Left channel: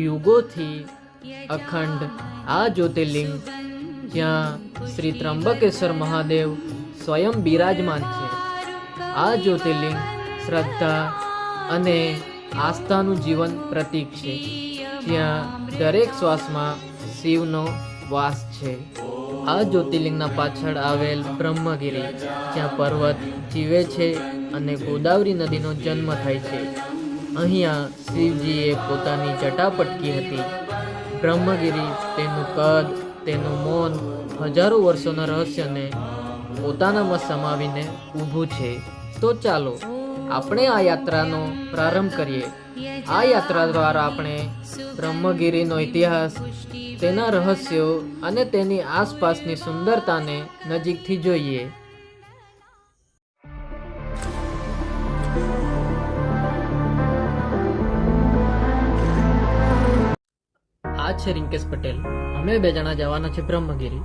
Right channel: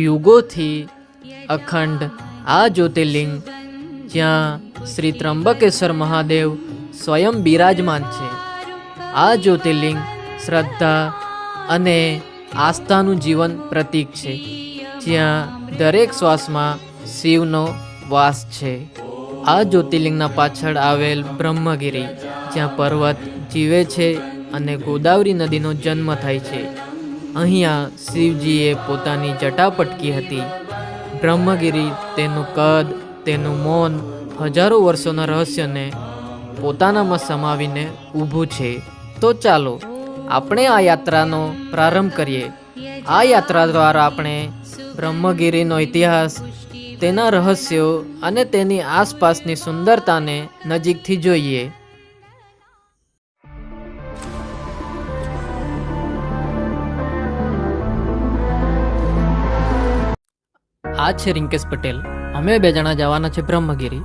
યુગોથી અખંડ આ જ્યોતિર્લિંગ જ્યાં શ્રી ત્રંબકેશ્વર મહાદેવ સ્વયં બિરાજમાન છે. આ જ્યોતિર્લિંગ શ્રદ્ધા અને આસ્થાનું જીવન પ્રતીક છે, જ્યાં દરેક શ્વાસમાં શિવનો વાસ છે. આ જ્યોતિર્લિંગના પાછળ આવેલ બ્રહ્મગીરી, જ્યાં પર્વત જીવે છે અને ગોદાવરી નદીનો જન્મ થાય છે. અહીંયા શિવજીએ પોતાની જટા પટકી હતી. બ્રહ્મગીરી તેનું કદ, તેનું મૌન, હજારો વર્ષોના રહસ્યને પોતાનામાં સમાવીને ઊભું છે. તો ચાલો આપણે આ યાત્રાનો પ્રારંભ કરીએ. આ યાત્રા દ્વારા આપણે બ્રહ્મગીરીનો ઇતિહાસ, તેના રહસ્યો અને તેની આસપાસની સુંદરતાને નજીકથી જોઈએ. આ છે રિંકેશ પટેલ. અમે 2 જણા જવાના છે બ્રહ્મગીરી.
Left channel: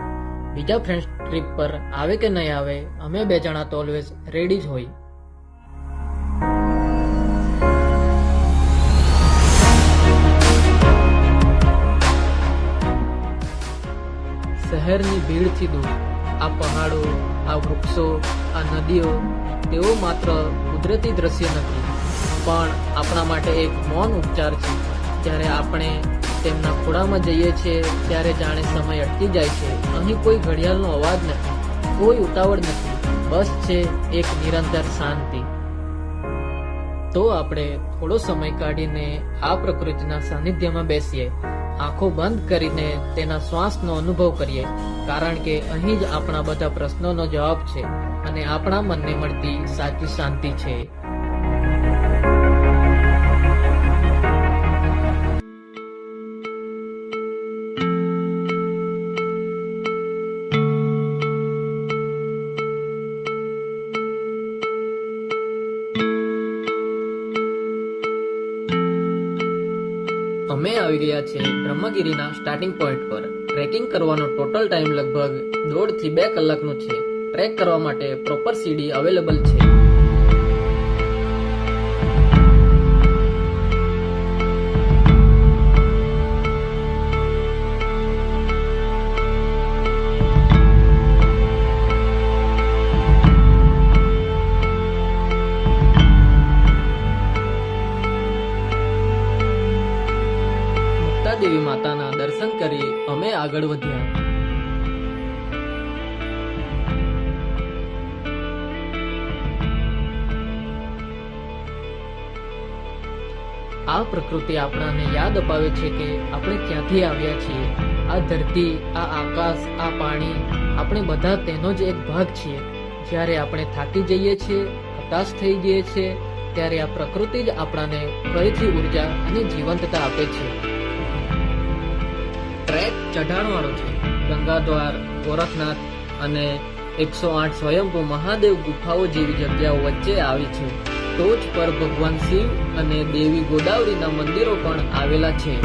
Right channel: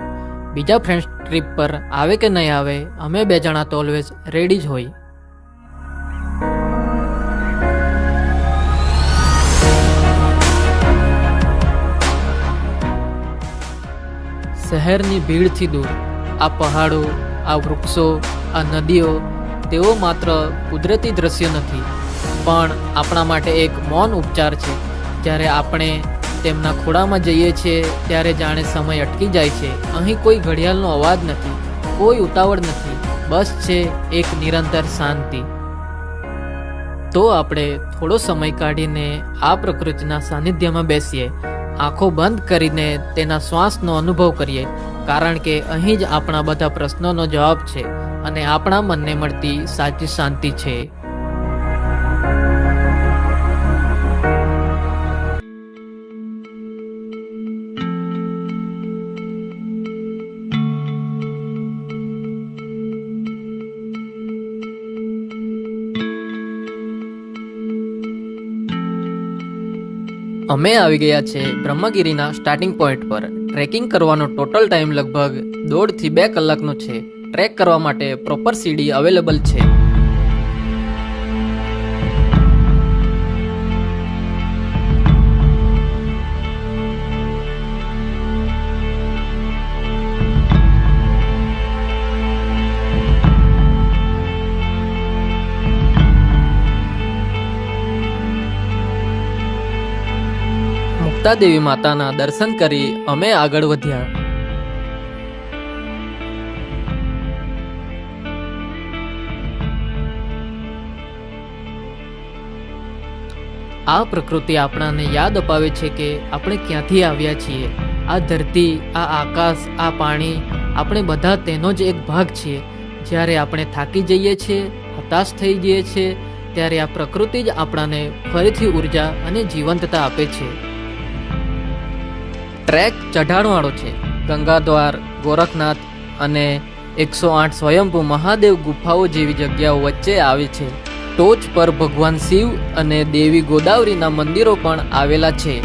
બીજા ફ્રેન્ડ્સ ટ્રીપ પર આવે કે નહીં આવે, અમે 2 જણા તો ઓલવેઝ રેડી જ હોય. શહેરની ભીડથી દૂર આ પહાડો, આ વૃક્ષો, આ નદીઓ, તેઓ માત્ર કુદરતી દ્રશ્ય નથી, પણ આપણા માટે એક મૌન ઉપચાર છે. જ્યારે આપણે તેમના ખોળામાં જઈએ છીએ ત્યારે જાણે સમય અટકી જાય છે. અહીં કોઈ ઘડિયાળનો અવાજ નથી, કોઈ ઉતાવળ નથી, બસ છે એક નિરંતર શાંતિ. તો આપણે થોડો સમય કાઢીને આ પ્રકૃતિના સાનિધ્યમાં બેસીએ, આંખો બંધ કરીને તેના શ્વાસનો અનુભવ કરીએ, કારણ કે અહીં જ આપણા બધા પ્રશ્નોનો જવાબ છે અને આપણા મનને મળતી સાચી શાંતિ છે. અમે આવી ગયા છે બ્રહ્મગીરીના સ્ટાર્ટિંગ પોઈન્ટ પર. ટ્રેકિંગ કરવાનો ટોટલ ટાઈમ લગભગ 1.5 થી 2 કલાકનો છે. ટ્રેક કરવા માટે પ્રોપર સીડી અવેલેબલ છે. દેવી માતાના દર્શન કરી અમે આગળ વધ્યા. આ પ્રકૃતિ આપણાને યાદ અપાવે છે કે આપણે ક્યાંથી આવ્યા છીએ. આ ધરતી, આ આકાશ, આ પાણી, આપણે બધા તેનો જ એક ભાગ છીએ. જ્યારે આપણે થાકી જઈએ છીએ, હતાશ થઈ જઈએ છીએ, ત્યારે આ પ્રકૃતિ જ આપણાને ફરીથી ઉર્જા અને જીવંતતા આપે છે. ટ્રેક ચઢાણવાળો છે. ગંગાદ્વાર, ગોરખનાથ અને 108 સ્વયંભૂ મહાદેવ ગુફાઓ જેવી જગ્યાઓ વચ્ચે આવે છે. ટોચ પર ભગવાન શિવ અને દેવી ગોદાવરીના મંદિરો પણ આવેલા છે.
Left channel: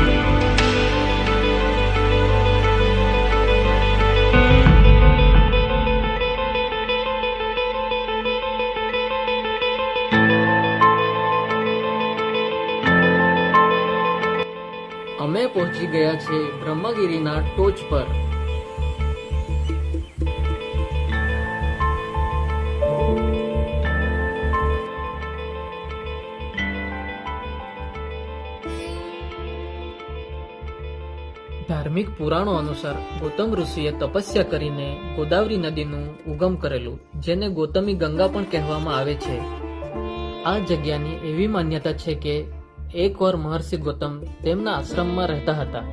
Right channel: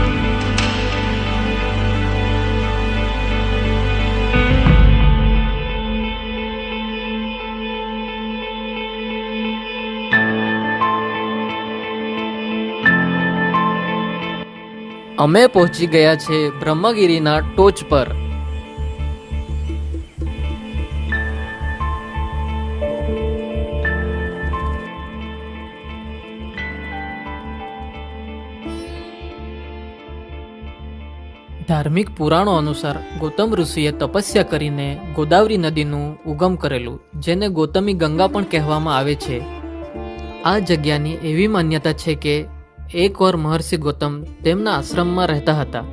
અમે પહોંચી ગયા છે બ્રહ્મગીરીના ટોચ પર. ધાર્મિક પુરાણો અનુસાર ગૌતમ ઋષિએ તપસ્યા કરીને ગોદાવરી નદીનું ઉગમ કરેલું, જેને ગૌતમી ગંગા પણ કહેવામાં આવે છે. આ જગ્યાની એવી માન્યતા છે કે એકવાર મહર્ષિ ગૌતમ તેમના આશ્રમમાં રહેતા હતા.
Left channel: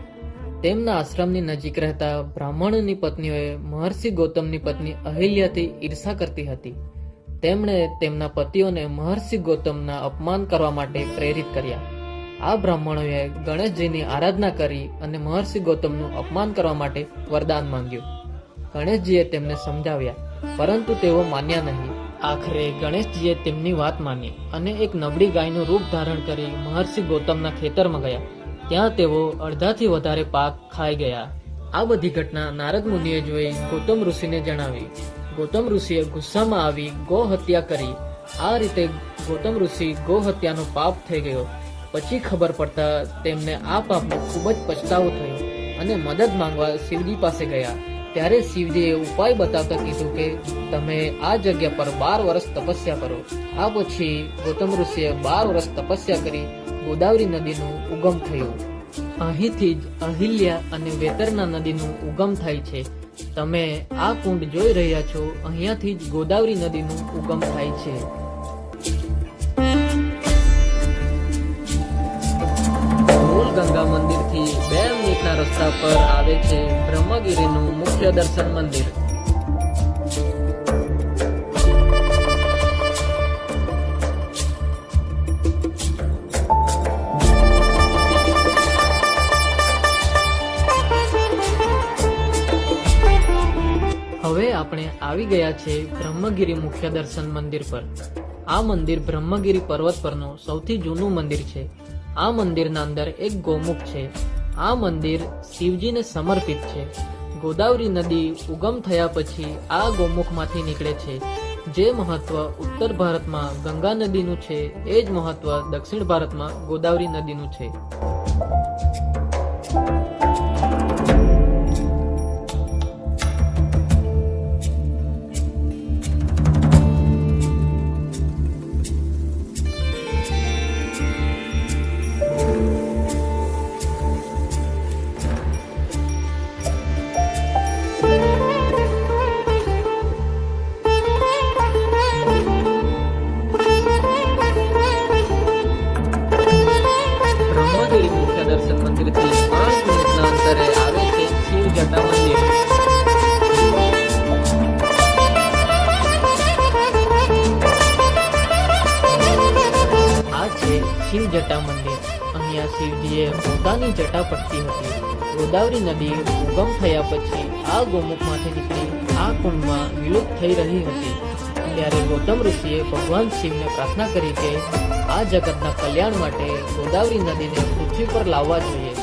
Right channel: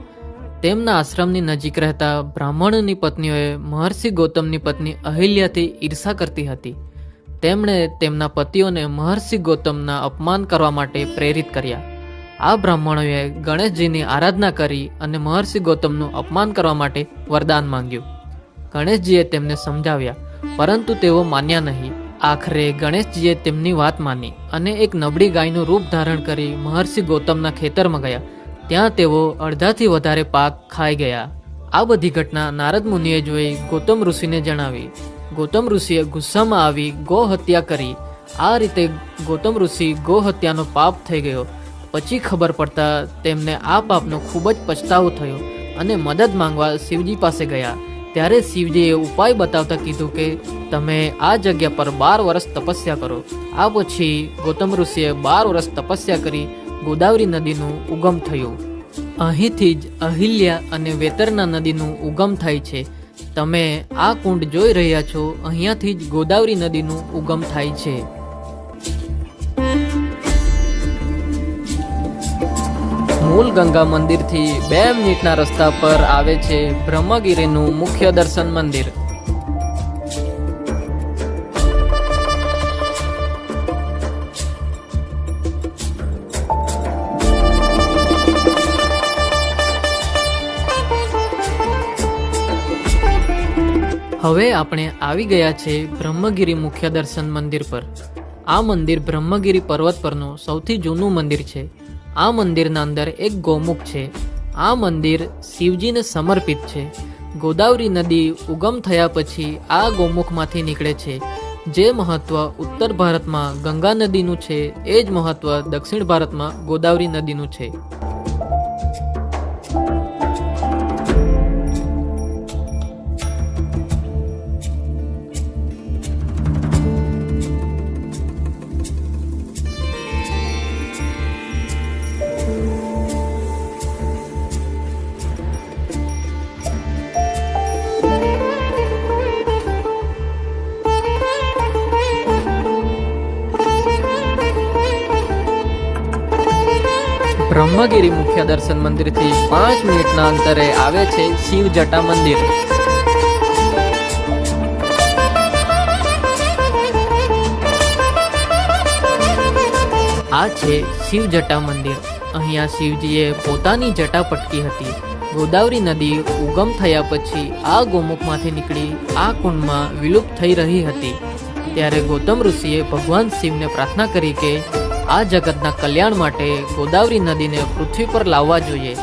તેમના આશ્રમની નજીક રહેતા બ્રાહ્મણની પત્નીઓએ મહર્ષિ ગૌતમની પત્ની અહિલ્યાથી ઈર્ષા કરતી હતી. તેમણે તેમના પતિઓને મહર્ષિ ગૌતમના અપમાન કરવા માટે પ્રેરિત કર્યા. આ બ્રાહ્મણોએ ગણેશજીની આરાધના કરી અને મહર્ષિ ગૌતમનું અપમાન કરવા માટે વરદાન માંગ્યું. ગણેશજીએ તેમને સમજાવ્યા, પરંતુ તેઓ માન્યા નહીં. આખરે ગણેશજીએ તેમની વાત માની અને એક નબળી ગાયનું રૂપ ધારણ કરી મહર્ષિ ગૌતમના ખેતરમાં ગયા. ત્યાં તેઓ અડધાથી વધારે પાક ખાઈ ગયા. આ બધી ઘટના નારદ મુનિએ જોઈ ગૌતમ ઋષિને જણાવી. ગૌતમ ઋષિએ ગુસ્સામાં આવી ગૌ હત્યા કરી. આ રીતે ગૌતમ ઋષિ ગૌ હત્યાનો પાપ થઈ ગયો. પછી ખબર પડતા તેમને આ પાપનો ખૂબ જ પછતાવો થયો અને મદદ માંગવા શિવજી પાસે ગયા. ત્યારે શિવજીએ ઉપાય બતાવતા કીધું કે તમે આ જગ્યા પર 12 વર્ષ તપસ્યા કરો. આ પછી ગૌતમ ઋષિએ 12 વર્ષ તપસ્યા કરી ગોદાવરી નદીનું ઉગમ થયું. અહીંથી જ અહિલ્યા અને વેતરના નદીનું ઉગમ થાય છે. તમે આ કુંડ જોઈ રહ્યા છો, અહીંયાથી જ ગોદાવરી નદીનું ઉગમ થાય છે. મૂળ ગંગા મંદિરથી 2 મિનિટના રસ્તા પર આવે છે બ્રહ્મગીરીનું મુખ્ય દર્શન મંદિર. હવે આપણે આવી ગયા છે બ્રહ્મગીરી મુખ્ય દર્શન મંદિર પર. આ મંદિર બ્રહ્મગીરી પર્વત પરનું સૌથી જૂનું મંદિર છે. આ મંદિરના અંદર એક ગૌમુખ છે. આ મંદિર શિવજીને સમર્પિત છે. ગોદાવરી નદી ઉગમ થયા પછી આ ગૌમુખમાંથી નીકળે છે. જે મહત્વ ઉત્તર ભારતમાં ગંગા નદીનું છે, એ જ મહત્વ દક્ષિણ ભારતમાં ગોદાવરી નદીનું છે. બ્રહ્મગીરી મુખ્ય દર્શન મંદિરથી 5 મિનિટના અંતરે આવે છે શિવ જટા મંદિર. આ છે શિવ જટા મંદિર. અહીંયા શિવજીએ પોતાની જટા પટકી હતી. ગોદાવરી નદી ઉગમ થયા પછી આ ગોમુખમાંથી નીકળી આ કુંડમાં વિલુપ્ત થઈ રહી હતી. ત્યારે ગૌતમ ઋષિએ ભગવાન શિવને પ્રાર્થના કરી કે આ જગતના કલ્યાણ માટે ગોદાવરી નદીને પૃથ્વી પર લાવવા જોઈએ.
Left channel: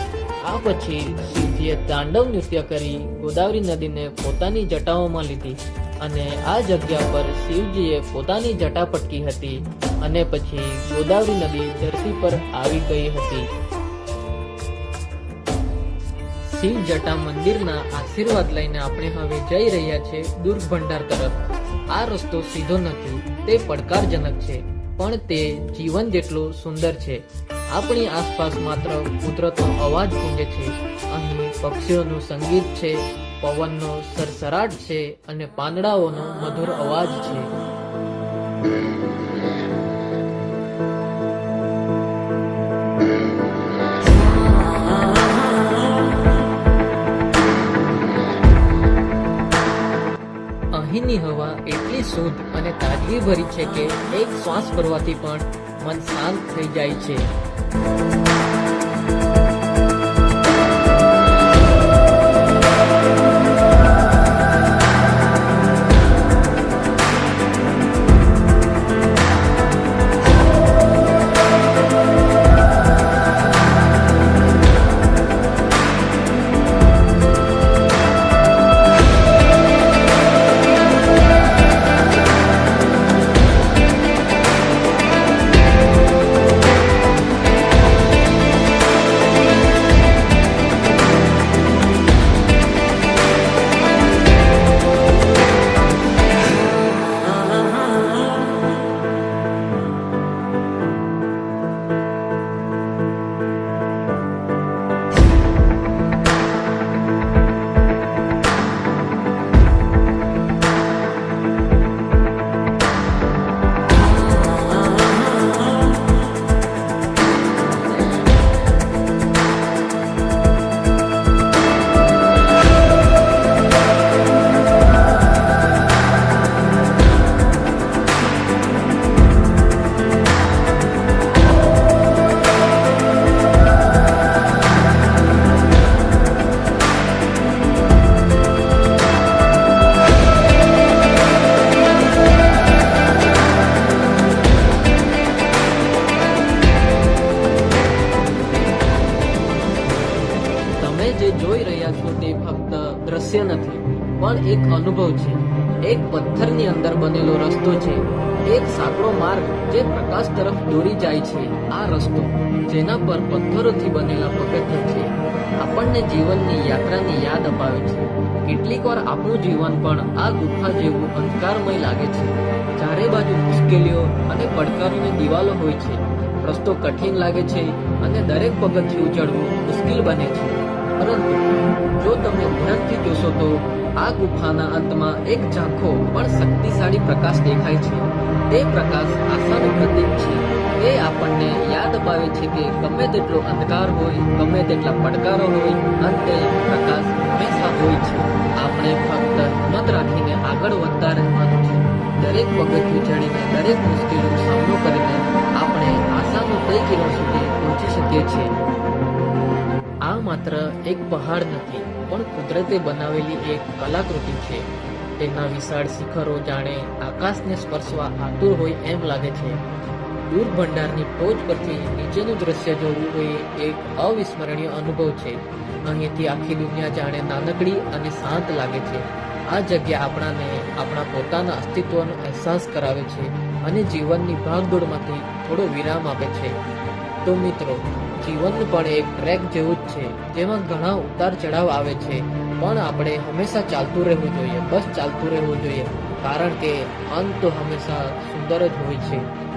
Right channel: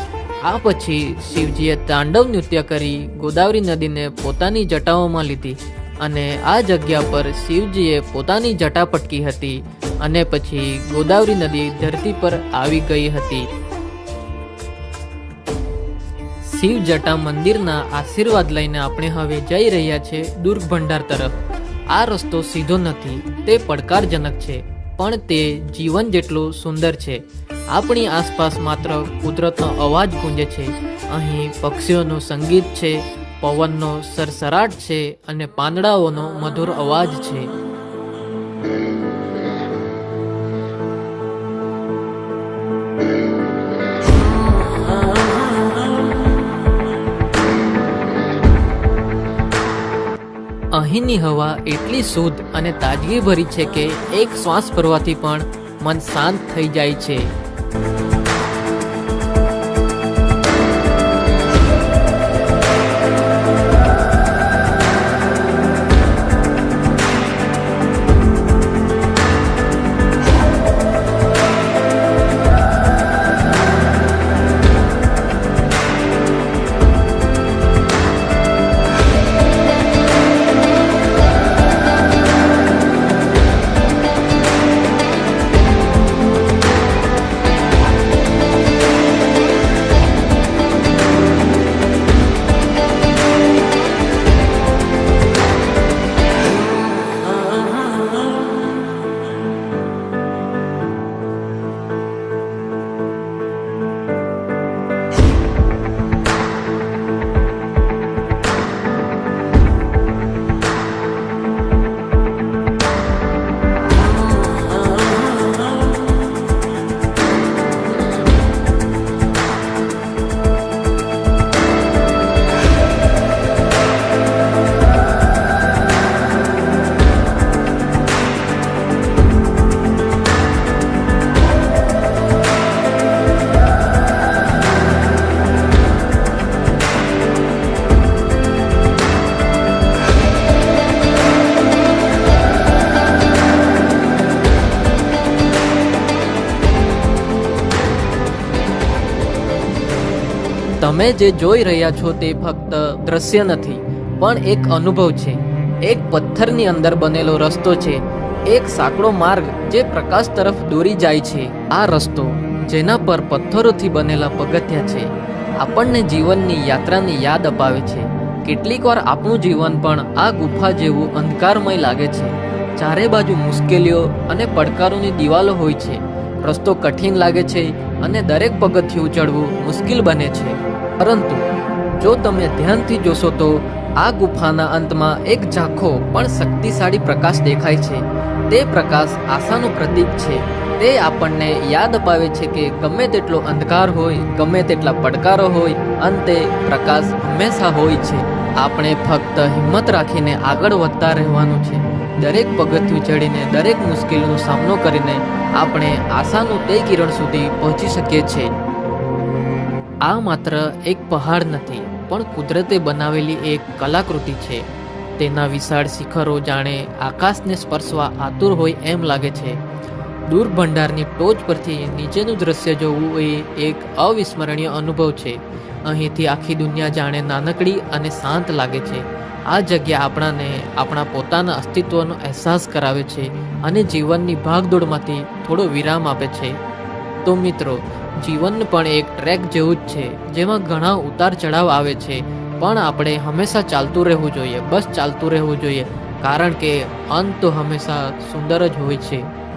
આ પછી શિવજીએ તાંડવ નૃત્ય કરી ગોદાવરી નદીને પોતાની જટાઓમાં લીધી અને આ જગ્યા પર શિવજીએ પોતાની જટા પટકી હતી અને પછી ગોદાવરી નદી ધરતી પર આવી ગઈ હતી. શિવ જટા મંદિરના આશીર્વાદ લઈને આપણે હવે જઈ રહ્યા છે દુર્ગ ભંડાર તરફ. આ રસ્તો સીધો નથી, તે પડકારજનક છે, પણ તે જીવન જેટલું સુંદર છે. આપણી આસપાસ માત્ર કુદરતનો અવાજ ગુંજે છે. અહીં પક્ષીઓનું સંગીત છે, પવનનો સરસરાટ છે અને પાંદડાઓનો મધુર અવાજ છે. અહીંની હવા એટલી શુદ્ધ અને તાજગી ભરી છે કે એક શ્વાસ ભરવાથી પણ મન શાંત થઈ જાય છે. તમે જે જોઈ રહ્યા છો તે ફક્ત દ્રશ્ય નથી, પણ એક અનુભવ છે. એક પથ્થરની અંદર બનેલો રસ્તો છે, એક સાંકડો માર્ગ જે પ્રકાશ તરફ દોરી જાય છે. આ રસ્તો જેના પર પથ્થરોથી બનેલા પગથિયા છે. આપણને જીવનની યાત્રાની યાદ અપાવે છે. કેટલીક વાર આપણું જીવન પણ આ ગુફા જેવું અંધકારમય લાગે છે. ચારે બાજુ મુશ્કેલીઓ અને પડકારોની દિવાલો હોય છે. રસ્તો કઠિન લાગે છે અને દરેક પગથિયું ચડવું મુશ્કેલ બને છે. પરંતુ જો તમે ધ્યાનથી જોશો તો આ ગુફાના અંતમાં એક ઝાંખો પણ શક્તિશાળી પ્રકાશ દેખાય છે. તે પ્રકાશ આશાનું પ્રતીક છે. તે આપણને યાદ અપાવે છે કે ગમે તેટલો અંધકાર હોય, ગમે તેટલા પડકારો હોય, અંતે પ્રકાશ હંમેશા હોય છે. આપણે ફક્ત હિંમત રાખીને આગળ વધતા રહેવાનું છે. દરેક પગથિયું ચડીને, દરેક મુશ્કેલીનો સામનો કરીને આપણે આશાનું તે કિરણ સુધી પહોંચી શકીએ છીએ. આ માત્ર એક પહાડ નથી, પણ કુદરતે બનાવેલી એક કલાકૃતિ છે. તેના વિશાળ શિખરો જાણે આકાશને સ્પર્શવા આતુર હોય એમ લાગે છે. દૂર ભંડારની ટોચ પરથી નીચેનું દ્રશ્ય જોવું એ એક અવિસ્મરણીય અનુભવ છે. અહીંથી આખી દુનિયા જાણે નાનકડી અને શાંત લાગે છે. આ જગ્યા આપણાને આપણા પોતાના અસ્તિત્વનો અહેસાસ કરાવે છે અને જીવનની ભાગદોડમાંથી થોડો વિરામ આપે છે. તો મિત્રો, જીવન પણ એક ટ્રેક જેવું જ છે, જેમાં ઘણા ઉતાર ચઢાવ આવે છે, પણ આપણે હંમેશા ચાલતું રહેવું જોઈએ. બસ ચાલતું રહેવું જોઈએ, કારણ કે અંત તો હંમેશા સુંદર જ હોય છે.